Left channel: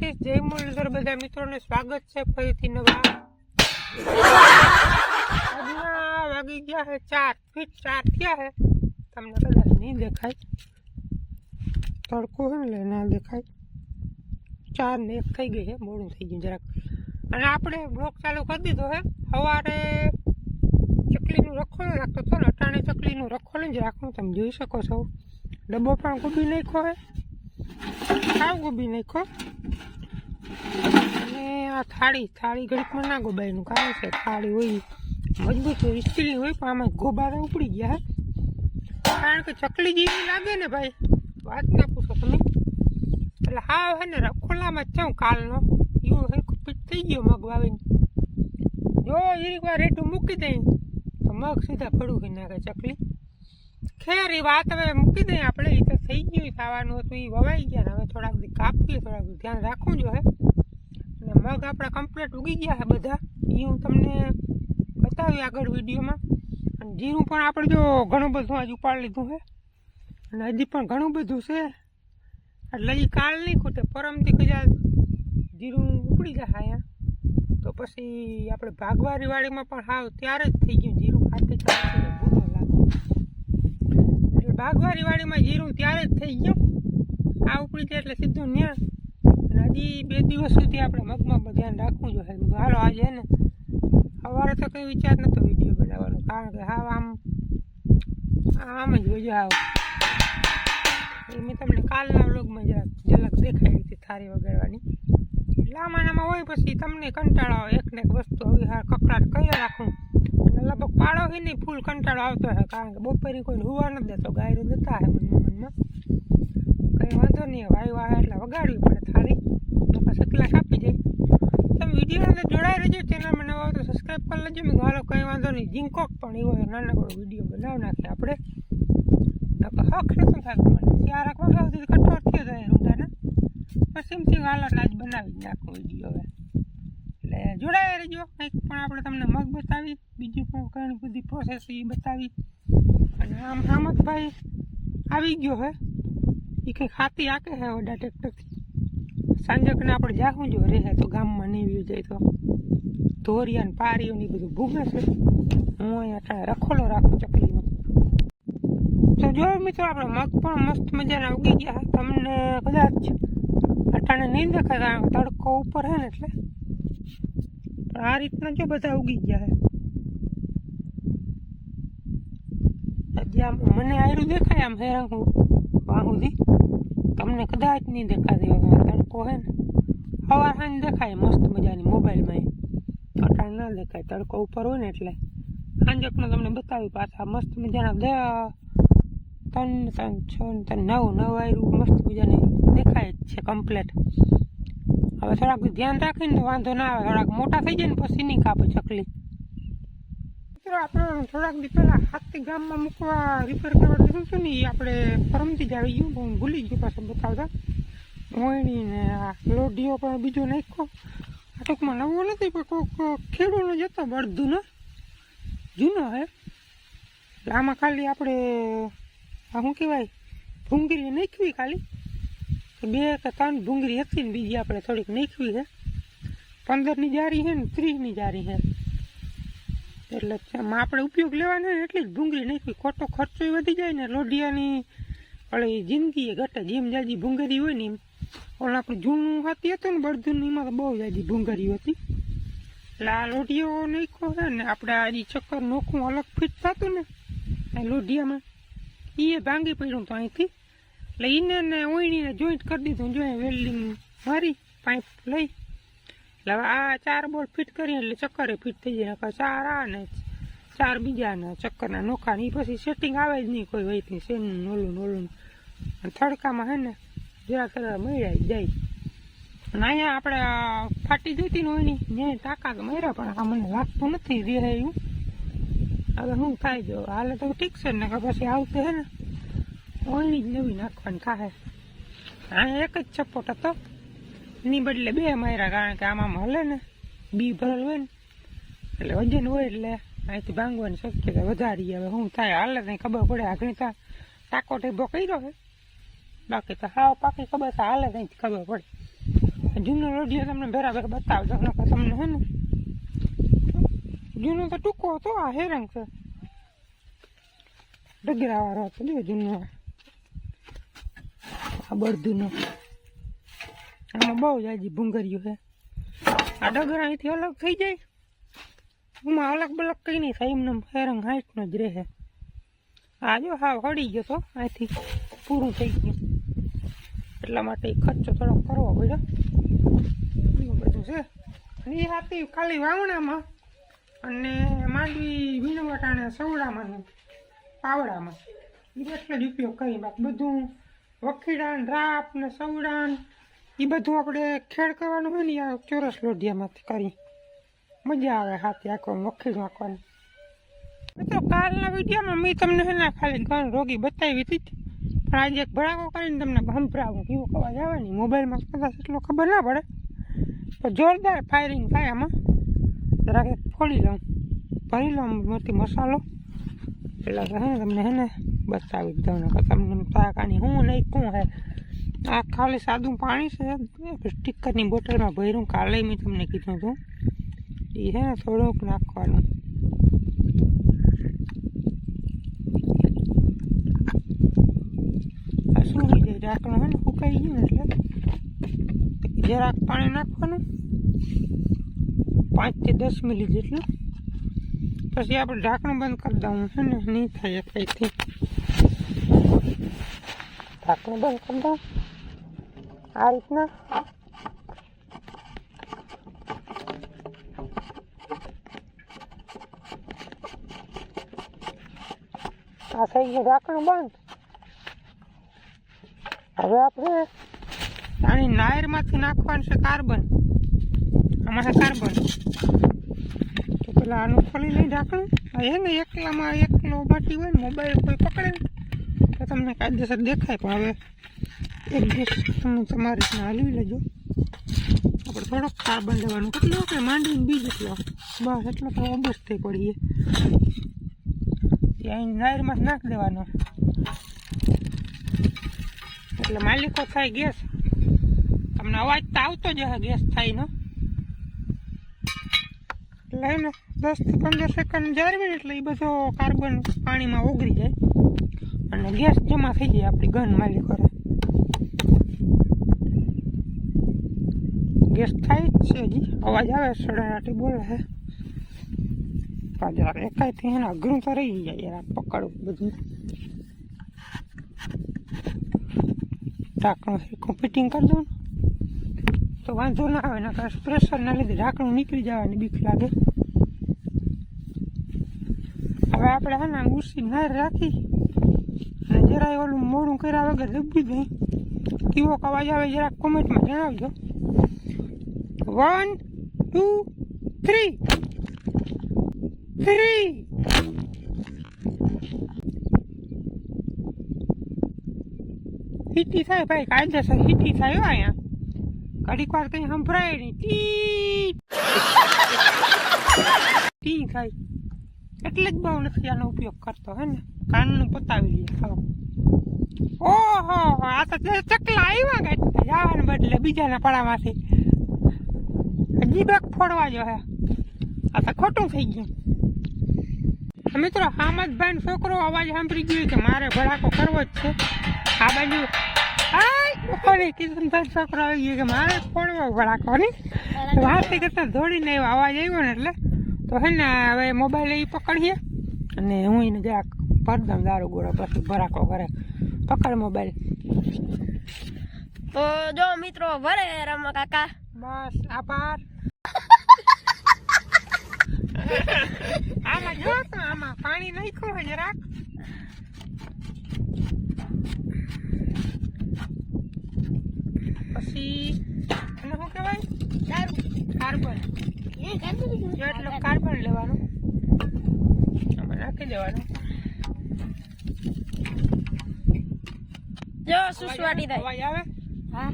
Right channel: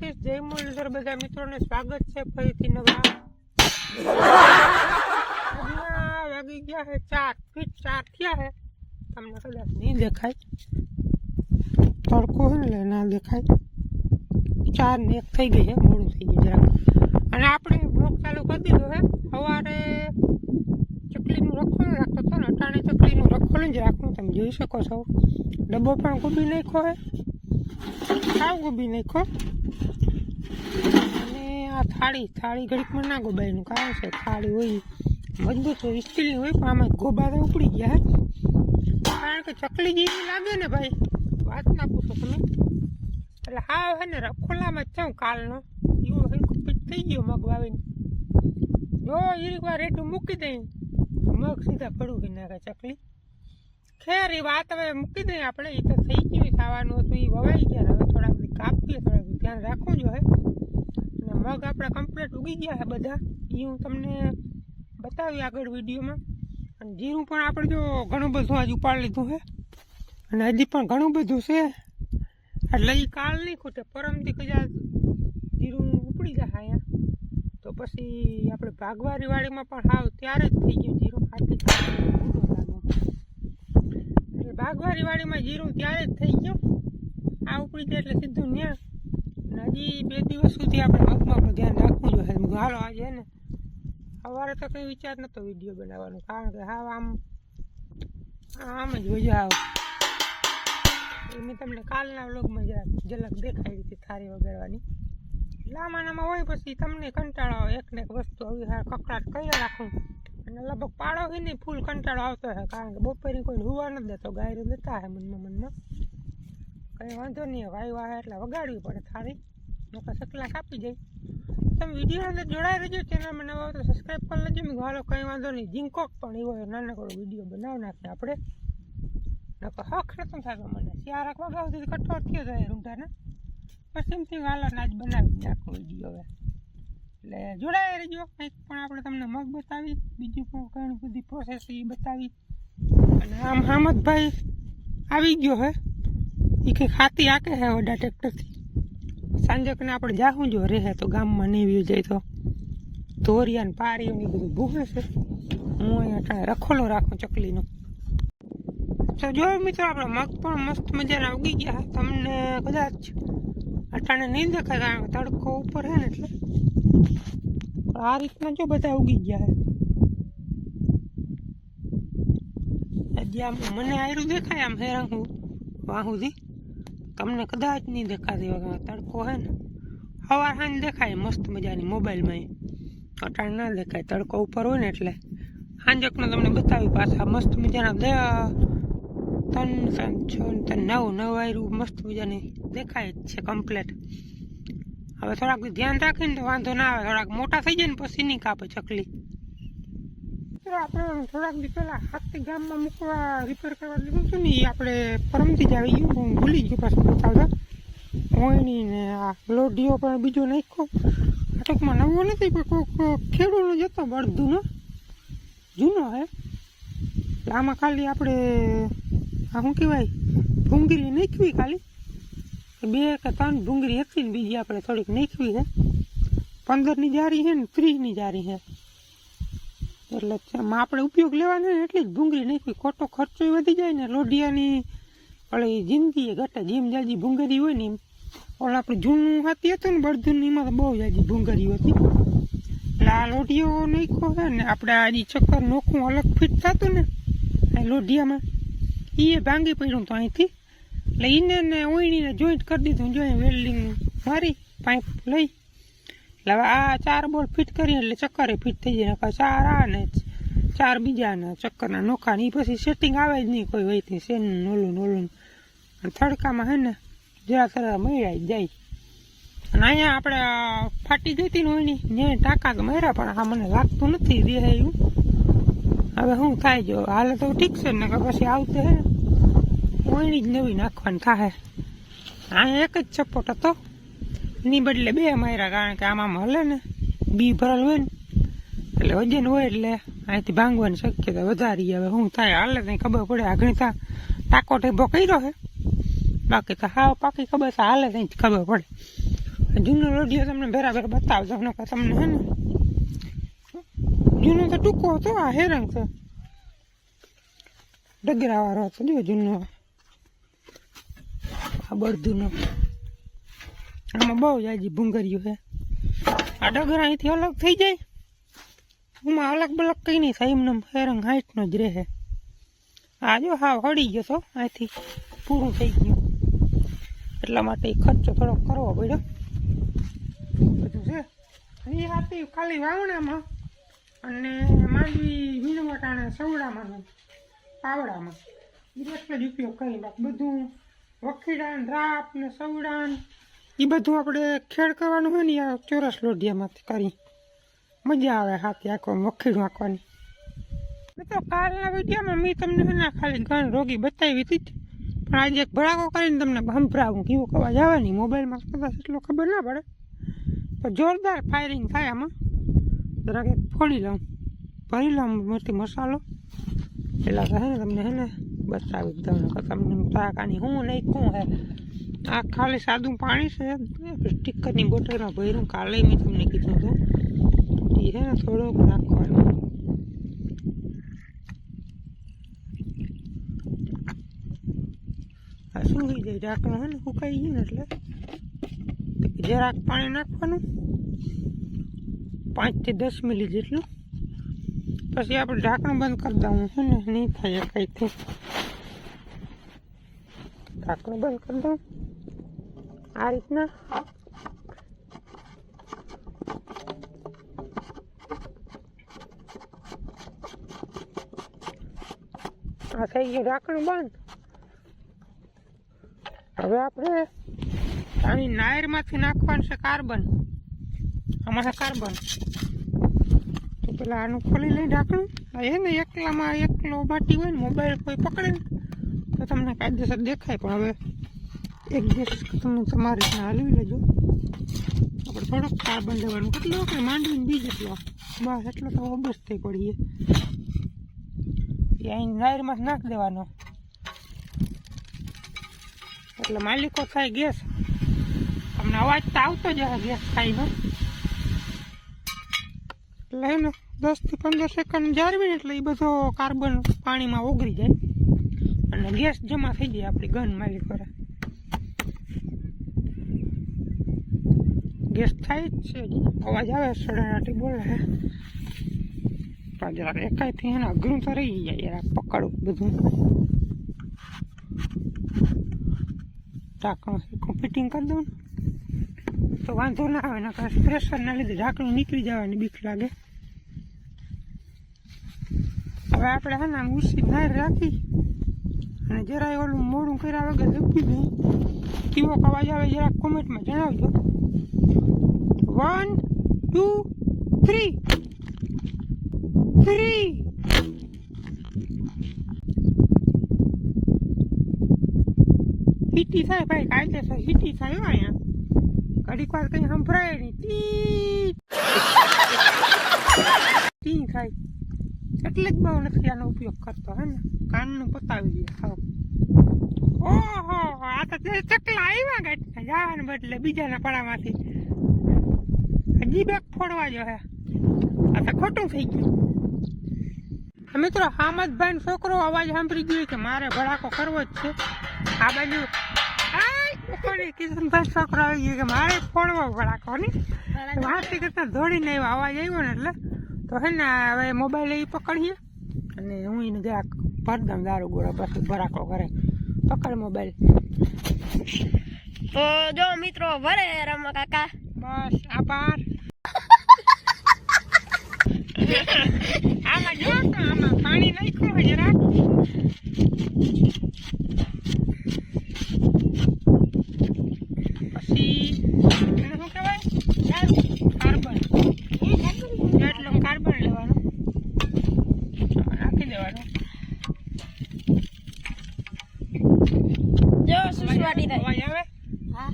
દ્વારકાધીશ જય મુરલીધર બધા મિત્રોને સ્વાગત છે ફરીથી નવા વાગી ગયા છે 4 ફીટ 4 થયા છે તમને કદાચ નહીં દેખાય તડકો છે ને ના દેખાય 4 ને 1 થઈ ગઈ છે મોડું થઈ ગયું જરાક અને આપણે બ્લોક ચાલુ કરી દીધો છે સવારે ચકલીનું રખોલું રાખતો હતો ને અટાણે ચકલીનું રખોલું જ રાખવું તમે જોઈ શકો છો ડબ્બો પણ ગોબી નાખ્યો છે સાવ ગોબી નાખ્યો અને આ થાળી ઘડીકમાં ના ગોબાઈનું કારણ છે થાળી હોય મજબૂત હોય સ્ટીલની હોય પણ આમાં ગોબા તો ઉપડી ગયા હે કારણ કે ચકલી જેવી લાગે ને ભાઈ વાત ના પૂછો તમે એટલે હા હે ને રખોલામાં જ છું કાલનો એવું પીટ થઈ ગયો મગ વાવીને જો એક વાર રેટું મૂકી દઈ મગ સીધા પડું કરી નાખે ચકલી ખેર એ વાત હવે મૂકી દઈએ આપણે એ તો થઈ ગયું થવાનું હતું એ વવાઈ ગયા હવે થોડાક બધી કાપીએ થોડાક ધ્યાન રાખવું જોઈએ અને મગ આપણા કમ્પ્લીટ ઉગી ગયા છે બધા એ હું તમને બતાવી આગળ વિડીયોમાં અને જીરું પણ આપણે જો ઘણું બધું આજ ઉપાડી લીધું છે અને હજી પણ ઘણું બધું છે એટલે એ કાલ નહીં ખૂટે પરમથી કદાચ જીરું ઉપડી જાય અહીંયા તો પછી આપણે ભાગવારી વાડીમાં પણ હાવ ત્યારે જ થઈ ગયું જીરું ખાતી ભાગવારી વાડીમાં જીરું ત્યારે જ થઈ ગયું આ ઉપડી જાય એટલે સીધું ન્યા અને હજી 2 દિવસ સુધી આપણે મગમાં પણ ધ્યાન રાખવું જોઈએ હાલો આજે ને સવારે તો કંઈ વિચાર નહોતો વિડીયો બનાવવાનો કારણ કે હા આમ જ હોય આવ એ મેં તમને કાલના વ્લોગમાં જરાક ઝલક દેખાડી હતી થારી વગાડવાની લાંબાનામાં હોય પછી તમને કંટાળો આવે એકને એક વસ્તુ આવી હા કકડાટ કરી રાખું અને લગભગ પાડો હોય નહીં ફૂલ કંટાળો આવતો હોય કારણ કે બપોરે કોઈને હુવા નથી દેતો ગાયરું દેતા હોય મનમાં કંઈ વાંધો નહીં વાયુ આવે એટલે વગાડવી પડે થારી પછી એકલા કાપી જાય તમે વિડીયો અંદર જોડાઈ રહેજો ચેનલમાં નવા હોય તો સબસ્ક્રાઈબ કરી લેજો મેં હાલો કંઈ વાંધો નહીં જીંકોક પણ એવો નાનકડો વિડીયો બનાવી નાખીએ આપણે હક નતું થતું મને શિયાળા વાગ્યા સુધી કઠોર થયો જાય રૂંધાને પછી એમથી હાલત આજ બનાવી જ નાખું વિડીયો હવે એટલે જોડાઈ રહેજો કંઈક પણ આપણે તમને મગ બતાવી બીજું પણ ઘણી બધી પ્રોસેસ એ બતાવી અને આમ હામદભાઈ આવી ગયો હે એ કંઈક હાથી હાકે છે વડા ટ્રેક્ટરથી સાંજકને આપણે જાહું જો રહે તો ગામમાં નહીં વ્યુ જાય તો ધોરિયા ને પારીઓ ને બધું ભૂગે છે હું અહીંયા રખોલો રાખું ચકલીનો તો જો મિત્રો આપણે મગ પણ મસ્ત મજાના ઉગી ગયા તમને કદાચ અટાણે નહીં દેખાય કારણ કે તડકો ઉપર છે ને એટલે આ રીતના જો બધા ઉગી ગયા છે હજી આમ મને આયરું દેખાય આમ હેરાંગ વાહુથી તમને કદાચ નહીં દેખાતી વગર તડકો છે ને સવાર સાંજ દેખાય મસ્ત મજાની મોબાઈલમાં અટાણ ના દેખાય તડકો ઉપર હોય ને એટલે સાંજકનો તમને બતાવી પાછા મસ્ત મજાના 3 6 9 આયરું મસ્ત મજાની દેખાય જ છે કમ્પ્લેટ હવે થોડાક ધ્યાન રાખીને વાંધો ના આવે થોડાક મોટા થઈ જાય ને પછી નહીં કાપે ચકલી આપણે થોડાક દી પહેલાં હાથી ગામમાં મૂકવા રિપેર કરવા દીધું હતું ને એ આપણે પરમથી જ આવી ગયું હું ભૂલી ગયું પાછું બતાવતા ઓયણી ને આ લોઢીઓ પણ બીજો નાખ્યો આ ટૂંકમાં નવો નથી પણ કોઈક ખેડૂનો જ હતો બળદુનો જૂનો હે આમાં ખાલી આપણે આ શું કહેવાય ભૂંગળી નાખવી ખાલી 2 કે 3 ભૂંગળી હતી ને બીજી આપણે થોડીક નાખવી છે 15ની જારી છે ને 30ની જારી છે એટલે આમાં આપણે ઉપયોગ લેવાનો ને એટલી જ ભૂંગળી નાખવી ખોટો ખર્ચો વધી જાય ને લોઢિયાની ઓલી જિંદગી ઘટે જેમ જાજી ભૂંગળી હોય ને એમ ઓલા આપણે જૂનું હાથી હતું ને બળદુનું એમાં તો બહુ જાજી ભૂંગળી હતી એટલે આ લોઢીઓ નાખ્યો છે ને આપણે આ ચક્કર નોખું અલગ ફિટ થતું ને આ લોઢિયામાં એ ભાંગી પડ્યું તો અહીંથી એટલે એને ને ઓયણીને જોઈન્ટ કરી દીધું જોઈએ વેલ્ડિંગ મારી પાઇપ લઈ એટલે હવે આ 4 બોલ ફિટ કરીએ એટલે ચક્કરે ફિટ થઈ જાય 4 આ ને 4 બીજાના ચક્કરના નોખા ને એ પછી સેટિંગ આવે જ નહીં કોઈ વહીથી શેનું નોલું અને થડકામાં છે ને જરા તરા મળ્યા જ જાય અને અહીંયા આપણે ફાટી જતી ને ઓયણી ને ટાંકા તો માર્યા પણ આ મને લાગતું નથી રહે એવું હવે શું થાય જો હાલે તો ઠીક છે ને પછી આવતે હે ને ઓયણી જ નવી નાખવાની થાય અહીંયા એક જ સપોર્ટ હતો એની બદલે 2 માર્યા કારણ કે આમાં હલે ને બી ભરેલ હોય ને એટલે વજન હોય એટલે અહીંથી ભાંગવાની શક્યતા વધારી હવે શું થાય હાલે કંઈ ખબર પડે આગળ ત્યાં ટાંકો ટેબો કર્યો છે બાકી તો હાવ પાકી ખબર છે હાલે કંઈ ખબર પડે જૂનો લોઢિયો તમને બરાબર બતાવજો ને તમને હે ને જૂનો તો ટૂંકો હતો આ હેરંગ છે ડગરાવાળો હતો જો જૂનો આ બળદુનો આમાં બહુ જાજી ભૂંગર્યું છે આ ડગરા અહીંથી અલગ થઈ જાય એમાં અલગ બલગ કંઈ નહીં થાય એમને હેરંગ હાઈટનો જ રહે આ જો હા હળી ગયો તો અહીંથી પૂરું થઈ ગયું એટલા માટે ખર્ચો થોડો કરવો પડ્યો બધું છે એ હતી ખાલી વાવણામાં અને માંડવી વીણવટા અને સવડામાં પાવડામાં એ એટલો જ ઉપયોગ કરી બાકી બધું વખીડા રાપ ને સવડા એ બધું આપણે ખેડ કરવાનું હોય ને આ ચોરસ લોઢિયામાંથી કરી મજા આવે હાથી આંખવાનું વખીડું આંખવાની તો કાલના વિડીયોમાં મેં તમને એના ખાલી ઘણ રોગી બતાવી હતી પણ આજે એક ભડાકો કરીને તમને સંભળાવું કેવું અવાજ આવે નહીં મોબાઈલમાં કદાચ એટલો ખબર ના પડે પણ જોરદાર ફાયરિંગ થાય આમાં જરાક એક ફોડી લઉં ભરી લઉં મોટી મસાલો પેલા તો હે ને તમને હે ને બતાવી દઉં ને તમને તાકાની હું નહીં શું હે આ ખાલી સાદું પાણી છે સ્ટીકરની બોટલમાં ભર્યું કાલે મેં તમને કીધું હતું એ છે ને થોડોક નાખવાનું આ સૂકી જાય ઢાંકણું હે ને સુકાઈ ગયું ને એટલે જરાક પાણી નાખવાનું 5 થી 10 મિલી જેટલું પછી આપણે ઢાંકણું બંધ કરી દઉં છે ને નહીં થાય કંઈથી ઢાંકણું બંધ કરી દઉં આ રીતના આ થઈ ગયું ઢાંકણું બંધ હવે આપણે આની નાયરમાંથી નાખવાનું છે કાર્બન આમાં છે કાર્બન તો પેલા આનું ખોલી લઈ ઢાંકણું એ ને એકલામાં એકલો માટી હોય ને મોબાઈલ કોઈ પકડે તો તમને કાયદેસર દેખાય પણ હવે એક દિવસ તમે તમારી રીતના હલવી લેજો આપણે થોડોક કાર્બન લેવાનું કેટલો કે માંડવીને બીજ એટલો બસ એટલો તો ઓબસ થઈ પડીએ એ અહીં નાયરમાં નાખી દેવાનો એટલે માલિકો થાય ગેસ તમને અવાજ તો આવતો જ હશે ગેસ થાય ને એટલે ને 10 થી 15 સેકન્ડ જાળવીને એટલે એ બધો કાર્બન પાણીમાં ઓગળી જાય અને ગેસ જમા થઈ જાય આપણી ગન માલિકો ગેસ થાય જ છે હજી અવાજ આવે સડાટી બોલે છે પણ યાર એકાઈથી એના અઘરું તો રહી જાય યાર પકડવું બધું ઢાંકણું ફિટિંગ કરી દઉં તો વાંધો ના આવે ને કારણ પ્રેશરના લીધે ઢાંકણું નીકળી જવાની બીક લાગે હવે આપણે હે ને ઉસી નાર રાખી અને જરાય ઓલું મોડું કર્યા વગર દબી ગઈ કેવો અવાજ આવે જરાક કોમેન્ટમાં જણાવજો 1 2 3 હિટી થાય ભાઈ કાયદેસર હિટી થાય અહીંયા ઘડીક વાર કંઈ સંભળાય નહીં ટી થાય એટલે જ બહુ નથી આનો ઉપયોગ કરતો હે ને કાનનું પતાવી દઈએ ખાવ ઓહો આ તો ચકલા આવ્યા કાંઈ જવાને બદલે બીજાના પડામાંથી હજી બેક ફોડવા જો હે આ તો ખોટું થઈ ગયું મિત્રો હામદભાઈ છોકરો અવાજ સાંભળી ગયો કે મારે ભડાકો કરવો જ છે આ બાજુ કિશનભાઈ છોકરો આવી ગયો કે મારે ફોડવો ભડાકો ની વાંચી કરતા દોડીને એવો અવાજ આવ્યો ને એટલે તો હે ને હવે મોબાઈલ એ પકડીએ અને હું એને જરાક ભરદમ દારૂ ગોળો પછી ભડાકો કરે પકડ મોબાઈલ તો જો મિત્રો વરે રમા કાકા બસ આભાર આમાં જો આમાં પાણી નાખ્યું હોય જરાક પછી એને શું કહેવાય કાર્બન એટલો કાર્બન લેવાનો આમાં નાખી દેવાનું જો સુસવાટી થાય અવાજ આવે હા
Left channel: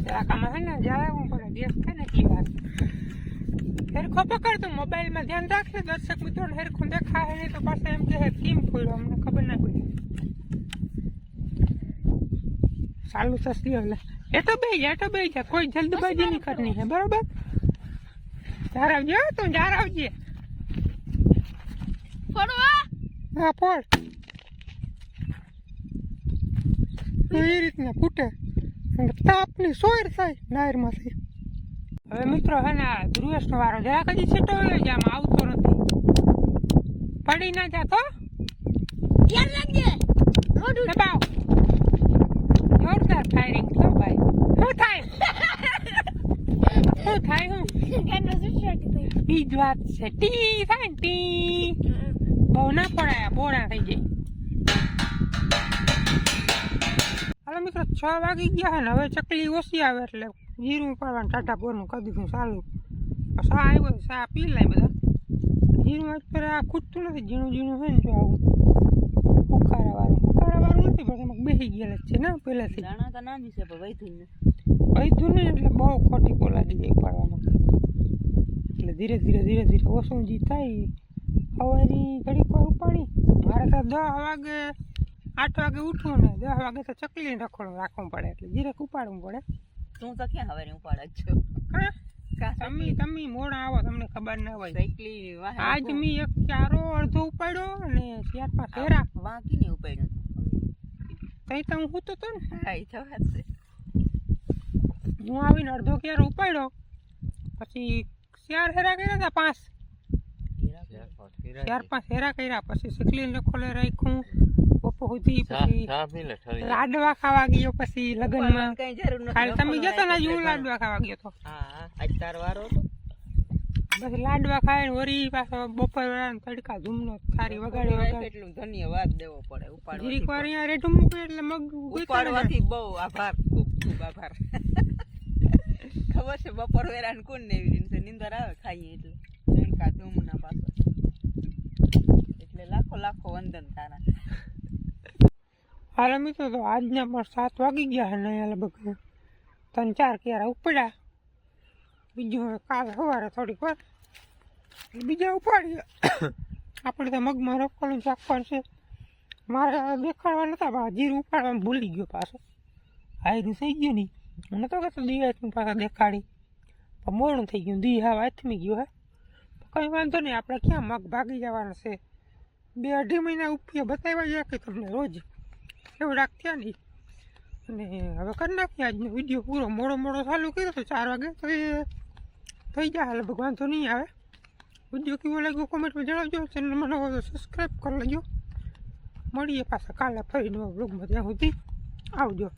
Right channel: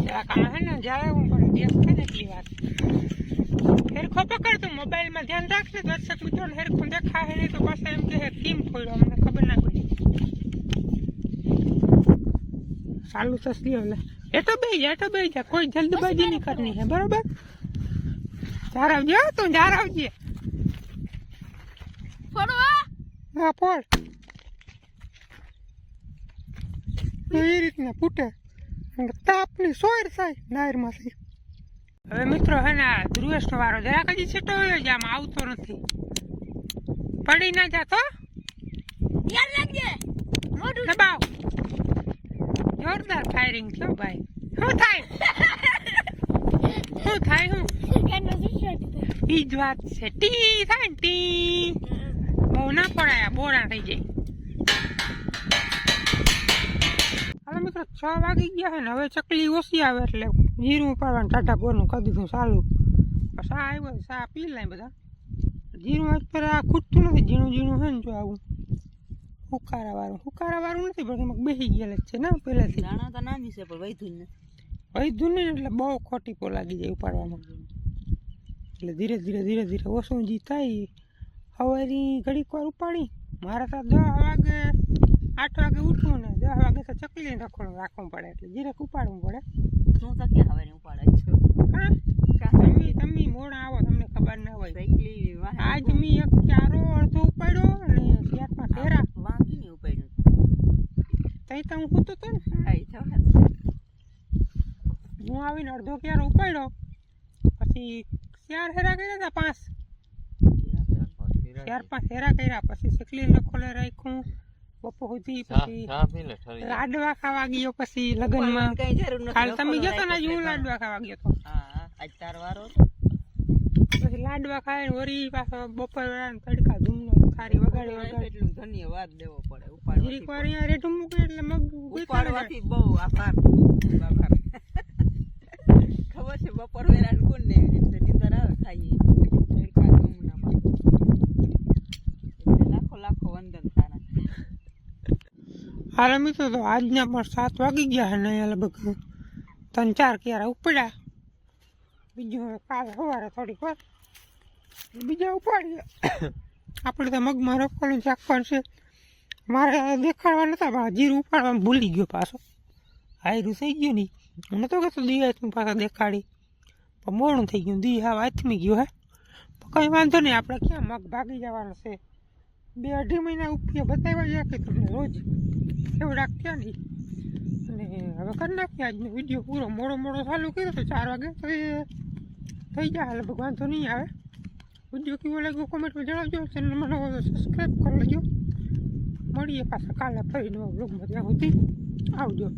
જરાક આમાં હે ને જાય હું પણ ગેસ થઈ ને એટલી વાત હેરખો પકડતો મોબાઈલમાં ધ્યાન રાખને દર્શક મિત્રોને હેરખો દેખાય નહીં તો પાછા એમ કે કેમ ફોડ્યો અમને ખબર ના પડી ચાલુ થશે એટલે એટો બે જા કોઈ જલ્દબાજી નહીં કરની है બરોબર જાર આવજે તું જાર આવજે ફોડો હા ફોડ એ રીતના ફૂટે અને તાપની સોયર થાય નાયરમાંથી હવે મિત્રો હે ને ધ્રુવેશનો વારો જરાક હજી છેટો હોય જ આમ આવતો નથી પડી ના જાતો ધ્યાન રાખજે મોઢું દબાવ જોરદાર ફાયરિંગ થયો ભાઈ શું થાય હું ગાંડો સુસાટી થઈ ઈ જ વાત છે ટી થાય ને ટી બહુ ના પડાયા બોરા થઈ જાય હાલો મિત્રો 6 વાગી ગયા છે ને હવે ચકલી ઓછી આવે એટલે જીરું પાડવાનું ટાટા બોરનું કરી દીધું ચાલુ સા આવ્યો સા પી લાય બધા જીરું અત્યારે આ ખૂટતું નથી ઝીણું છે ને જો આવું ઉકારા વાળું નથી પણ એમાં બેસી ગયેલા જ છે ને પહેલાથી દાણા તો નાની છે પણ વૈધું નહીં એટલે બહુ ખોટી લાગી જાય ઉપાડવામાં એટલે ધીરે ધીરે ઓછું જી થાય હવારી ઘડીક વાર ઉપાડી મારે તો 10 વાગે 8 વાગે ઉઠવું ને 10 વાગે તો ચકલી રખોડું રાખવું પડે એટલે જીરેક ઉપાડવું પડે તું તો ક્યાં હવે ઉપાડે છો તમે મોડા આવો તમને ખબર ના હોય સાયકલી આજ મી એક ચારો અડધો ઉપાડ્યો અને 4-5 હેરા વાંકી નહીં ઉપાડ્યું તઈ તો હું સૂતો તો ને હા ઈ તો વાત હું આવીને અડધો ક્યારો ઉપાડ્યો પછી 4 હેરા કર્યા હતા 4-5 હેરા કર્યા પછી ચકલી રખોડે રાખ્યું બપો સુધી પછી લાડવા ખાવા ગયો પછી લગનમાં કઈ જરૂર નથી કાલ તમે જતો ને હું લાડવા ખાવા ગયો તો હા આજ તાર વારો પછી લાડવા ખાઈને વરી પાછો બપોર તડકા ધૂમનો સારી વગાડી એટલું ધન્યવાદ દેવો પડે ઉપાડવાથી જીરીક વાર અહીંયા રેઠું મૂકે એટલે મગ ઉપાડવાથી બહુ આભાર ખબર છે બપોર વેરાન કોણ ને એવી રીતે નીંદર આવે ખાઈએ તડકા ધૂમના પાછો એટલે લાખો વંદન તારા હાલ મિત્રો તો આજના પણ 7 વાગી ગયા અને અહીંયા લગભગ 3-4 ક્યારા ઉપડ્યા બીજું કાલે સવારે થોડીક વાર બીજા ઉપાડીએ આપણે તો મગમાં રોપવાનું શાકવાનું છે મારે દેખાડવા નતા પણ જીરું ઉપાડવાનું ભૂલી ગયો પાછો હાયરું થઈ ગયું નહીં મને તો કહેતો દી હાથમી પાછા દેખાડી પણ મોડું થઈ ગયું દી હાવ હાથમી ગયું હે કંઈ વાંધો નહીં આપણે ક્યાં મગ ભાગી જવાના છે 2-2.5 મહિના ઉપયોગ બતાવ્યા ગયા કે તમને રોજ એવું રાખતા નહીં અને હવે કરી નાખીએ આજનો વિડીયો પૂરો મોડો ચાલુ કર્યો તો 4 વાગે તો એ થઈ જાય લગભગ વાંધો નહીં આવે વિડીયો કેવો લાગ્યો કોમેન્ટમાં જણાવજો ચેનલમાં નવો તો સબસ્ક્રાઈબ કરી લેજો મળીએ પાછા કાલે ફરી નવા બ્લોગમાં ત્યાં સુધી આવજો